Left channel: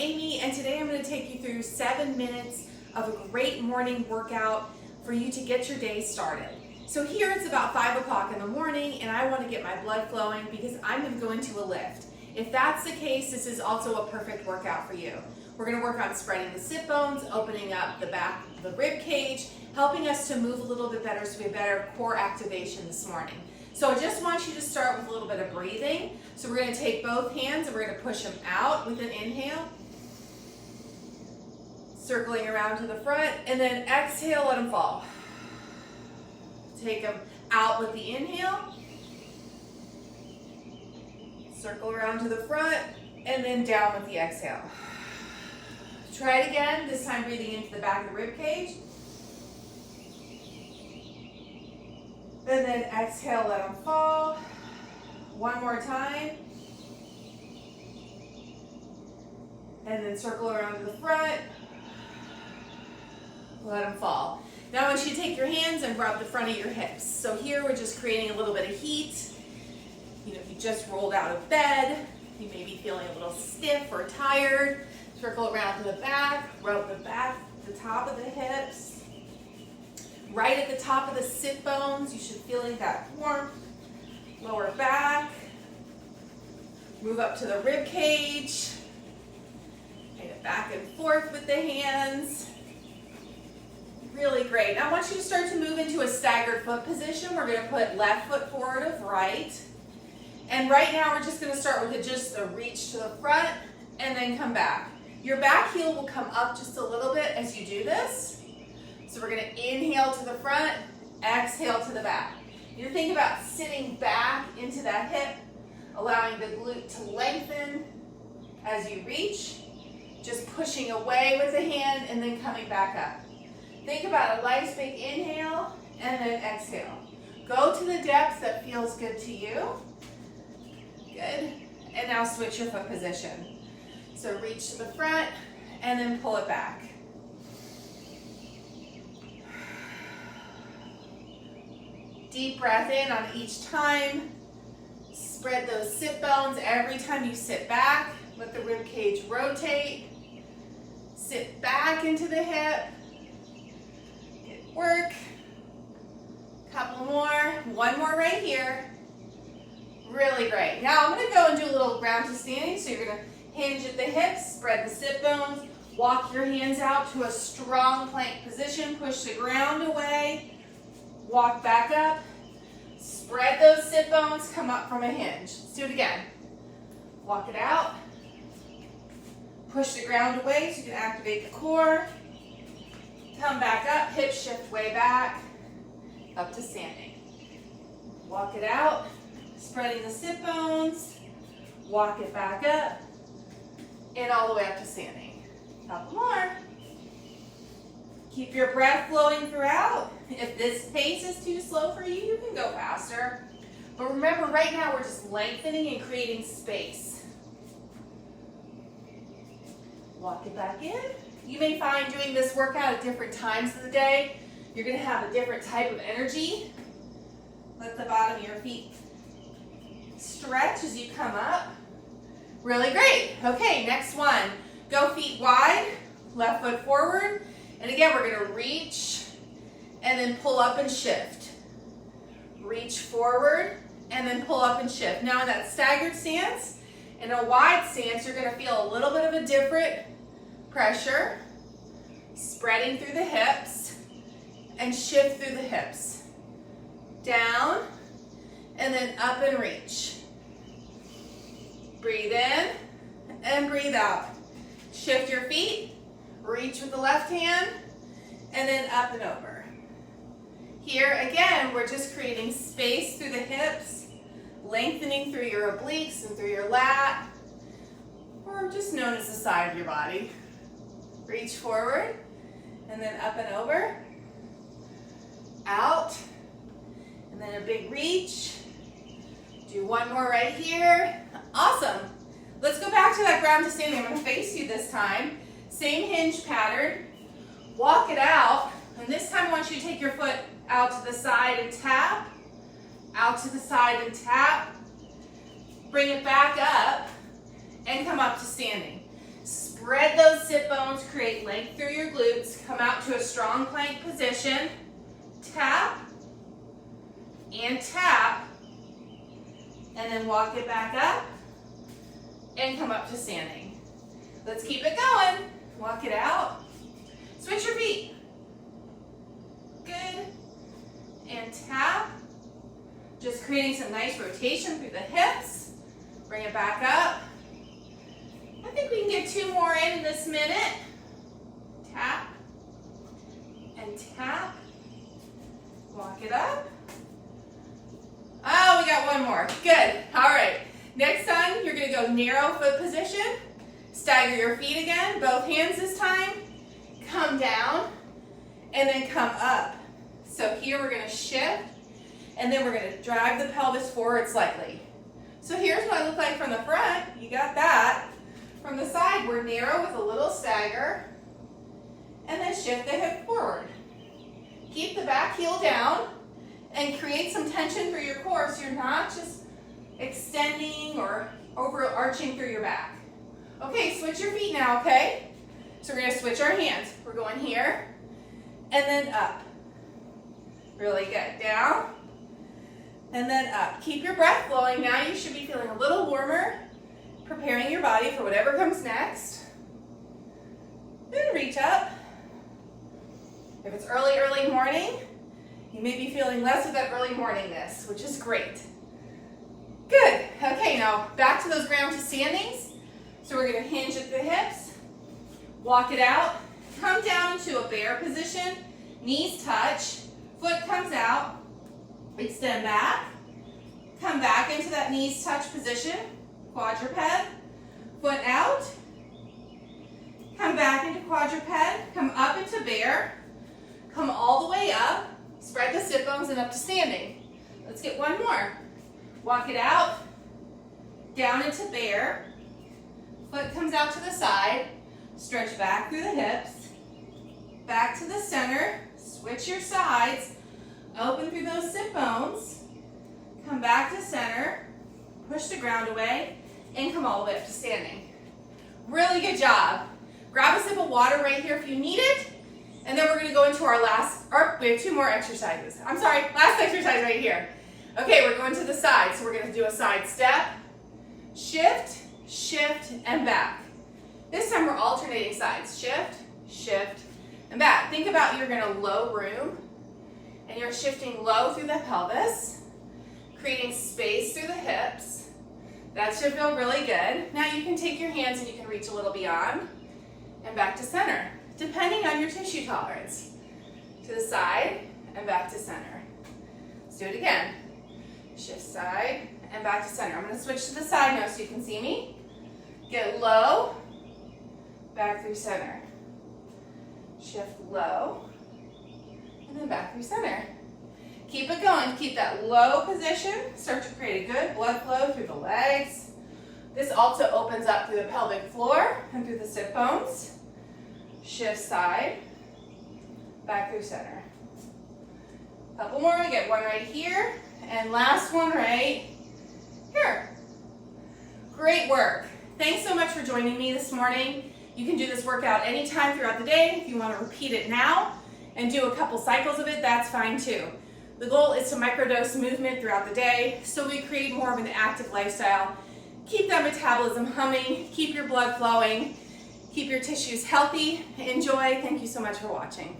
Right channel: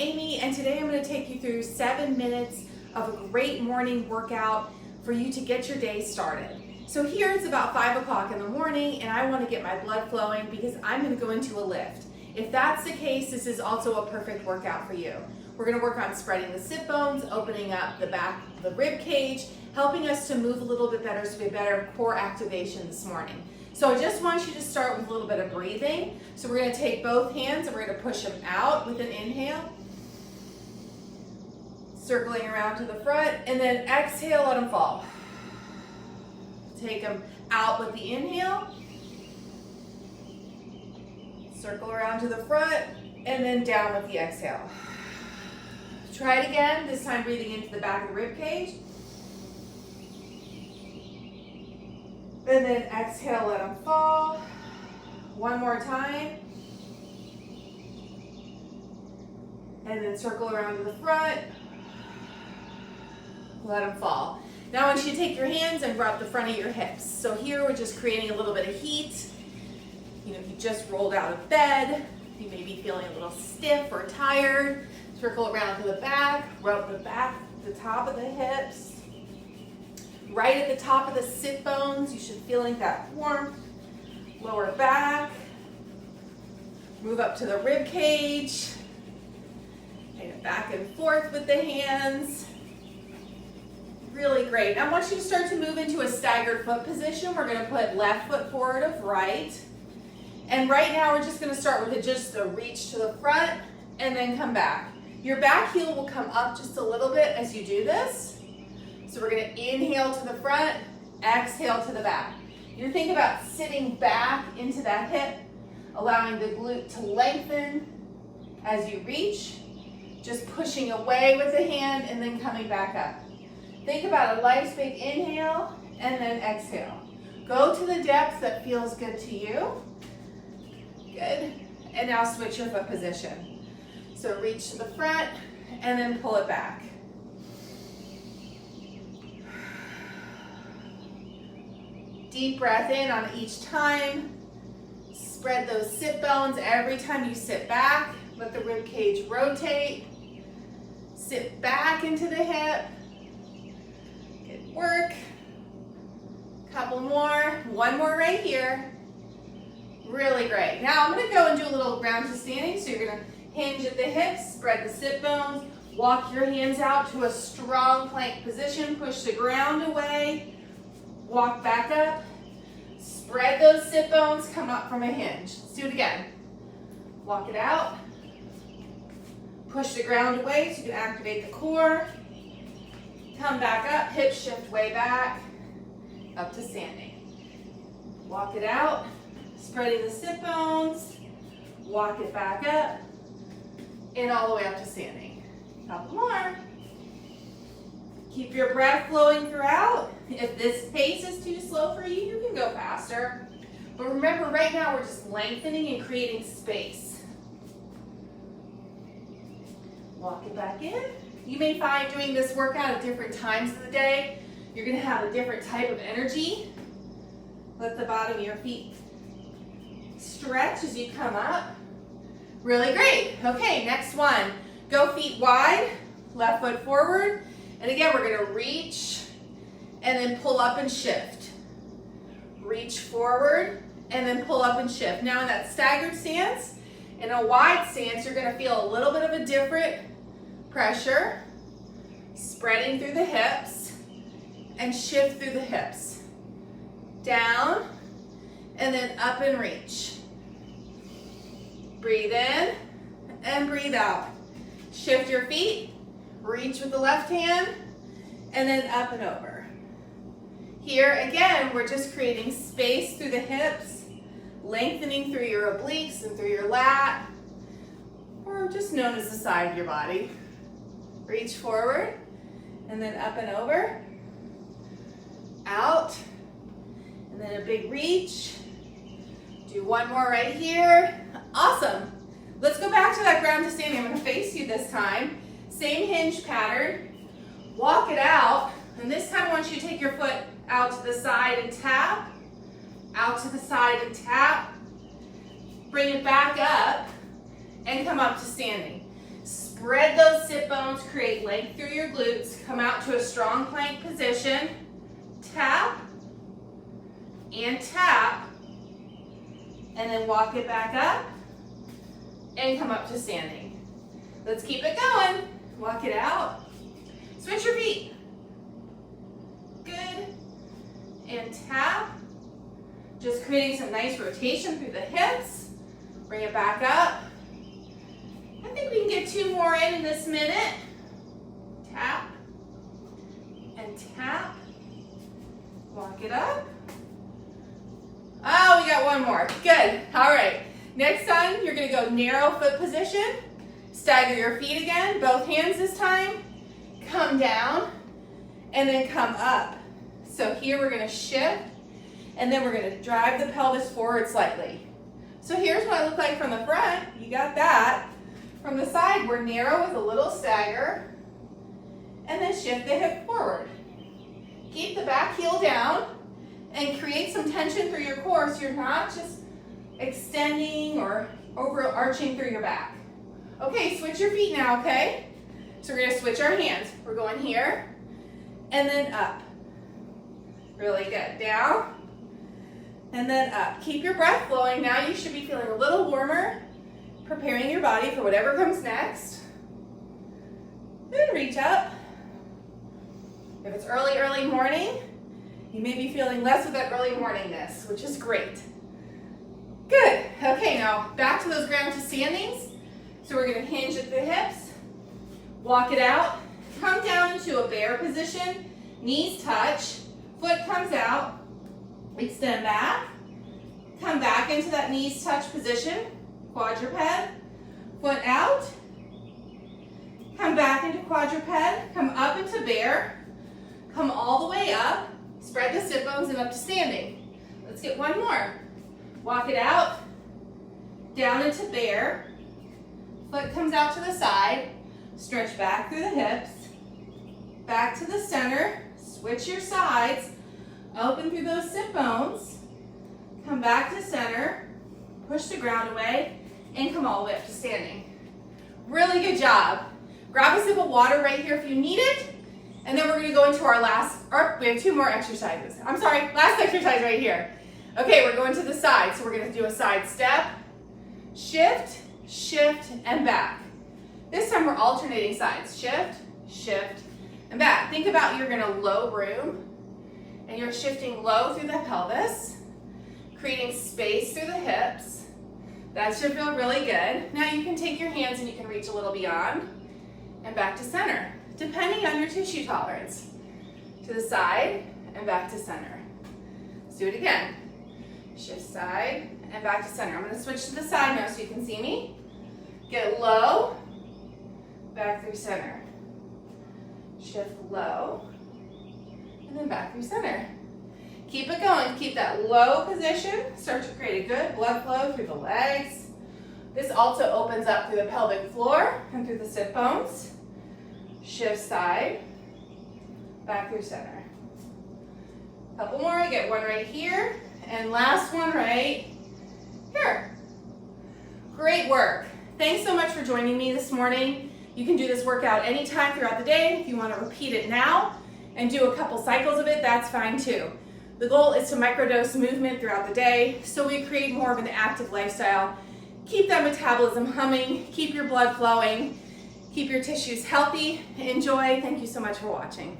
Amy, and today I'm going to take you through 7 minutes of a great morning workout for you to get your day started. So here it's about 5 o'clock in the morning and I want to get my blood flowing because I'm going to go into a lift. If that's the case, this is also a perfect workout for you. We're going to work on spreading the sit bones, opening up the back of the rib cage, helping us to move a little bit better so we have better core activation this morning. So I just want you to start with a little bit of breathing. So we're going to take both hands and we're going to push them out with an inhale. Circling around to the front, and then exhale, let them fall. Take them out with the inhale. Circle around to the front, and then down with the exhale. Try it again, this time breathing into the back of the rib cage. And then exhale, let them fall. One more time. And then circle around to the front. Let them fall. Now I want you to take your hands and rub the front of your hips. So here we're just creating a little bit of heat. You know, if you just rolled out of bed, you may be feeling a little stiff or tired. Circle around to the back, rub the back, the top of the hips. Right at the top of the sit bones, you should feel that warmth. Lower back. Move up to the rib cage. And back and forth with the hands. Really great. Now I want you to start to move into a staggered foot position. We're going to put left foot forward of right. And right now we're just going to start with just a reach to the front and then come back. Your back heel will come up just a little bit as you do this. So we're going to inhale to the front, exhale to the back. You think about sitting back into that hip, allowing the glute to lengthen as you reach, just pushing away with the hand and then coming back up. Think about a nice big inhale and then exhale. Go to the depth that feels good to you. Good. And now switch your foot position. So reach to the front and then pull it back. Deep breath in on each time. Spread those sit bones every time you sit back. Let the rib cage rotate. Sit back into the hip. Good work. Couple more. One more right here. Really great. Now I'm going to go and do a little ground to standing. So you're going to hinge at the hips, spread the sit bones, walk your hands out to a strong plank position, push the ground away. Walk back up, spread those sit bones, come up from a hinge. Let's do it again. Walk it out, push the ground away so you can activate the core. Come back up, hip shift way back, up to standing. Walk it out, spreading the sit bones, walk it back up, and all the way up to standing. Couple more. Keep your breath flowing throughout. If this pace is too slow for you, you can go faster. But remember, right now we're just lengthening and creating space. Walk it back in. You may find doing this workout at different times of the day, you're going to have a different type of energy. Let the bottom of your feet stretch as you come up. Really great. Okay, next one. Go feet wide, left foot forward. And again, we're going to reach and then pull up and shift. Reach forward and then pull up and shift. Now in that staggered stance, in a wide stance, you're going to feel a little bit of a different pressure, spreading through the hips and shift through the hips. Down and then up and reach. Breathe in and breathe out. Shift your feet. Reach with the left hand, and then up and over. Here, again, we're just creating space through the hips, lengthening through your obliques and through your lat, or just known as the side of your body. Reach forward, and then up and over. Out, and then a big reach. Do one more right here. Awesome. Let's go back to that ground to standing. I'm going to face you this time. Same hinge pattern. Walk it out, and this time I want you to take your foot out to the side and tap, out to the side and tap. Bring it back up and come up to standing. Spread those sit bones, create length through your glutes. Come out to a strong plank position. Tap and tap. And then walk it back up and come up to standing. Let's keep it going. Walk it out. Switch your feet. Good. And tap. Just creating some nice rotation through the hips. Bring it back up. I think we can get 2 more in this minute. Tap and tap. Walk it up. Oh, we got 1 more. Good. All right. Next time, you're going to go narrow foot position. Stagger your feet again. Both hands this time. Come down and then come up. So here we're going to shift and then we're going to drive the pelvis forward slightly. So here's what I look like from the front. You got that. From the side, we're narrow with a little stagger and then shift the hip forward. Keep the back heel down and create some tension through your core so you're not just extending or overarching through your back. Okay, switch your feet now, okay? So we're going to switch our hands. We're going here and then up. Really good. Down and then up. Keep your breath flowing. Now you should be feeling a little warmer, preparing your body for whatever comes next. Then reach up. If it's early morning, you may be feeling less of that early morningness, which is great. Good. Okay, now back to those ground to standings. So we're going to hinge at the hips, walk it out, come down into a bear position, knees touch, foot comes out, extend back, come back into that knees touch position, quadruped, foot out, come back into quadruped, come up into bear, come all the way up, spread the sit bones and up to standing. Let's get 1 more. Walk it out, down into bear, foot comes out to the side, stretch back through the hips, back to the center, switch your sides, open through those sit bones, come back to center, push the ground away, and come all the way up to standing. Really good job. Grab a sip of water right here if you need it, and then we're going to go into our we have 2 more exercises. I'm sorry, last exercise right here. Okay, we're going to the side, so we're going to do a side step, shift, shift, and back. This time we're alternating sides. Shift, shift, and back. Think about you're in a low room, and you're shifting low through the pelvis, creating space through the hips. That should feel really good. Now you can take your hands and you can reach a little beyond, and back to center, depending on your tissue tolerance. To the side, and back to center. Let's do it again. Shift side, and back to center. I'm going to switch to the side now so you can see me. Get low, back through center. Shift low, and then back through center. Keep it going. Keep that low position. Start to create a good blood flow through the legs. This also opens up through the pelvic floor and through the sit bones. Shift side, back through center. Couple more. Get 1 right here, and last one right here. Great work. Thanks so much for joining me this morning. You can do this workout anytime throughout the day. If you want to repeat it now and do a couple cycles of it, that's fine too. The goal is to microdose movement throughout the day so we create more of an active lifestyle. Keep that metabolism humming, keep your blood flowing, keep your tissues healthy. Enjoy. Thank you so much for watching.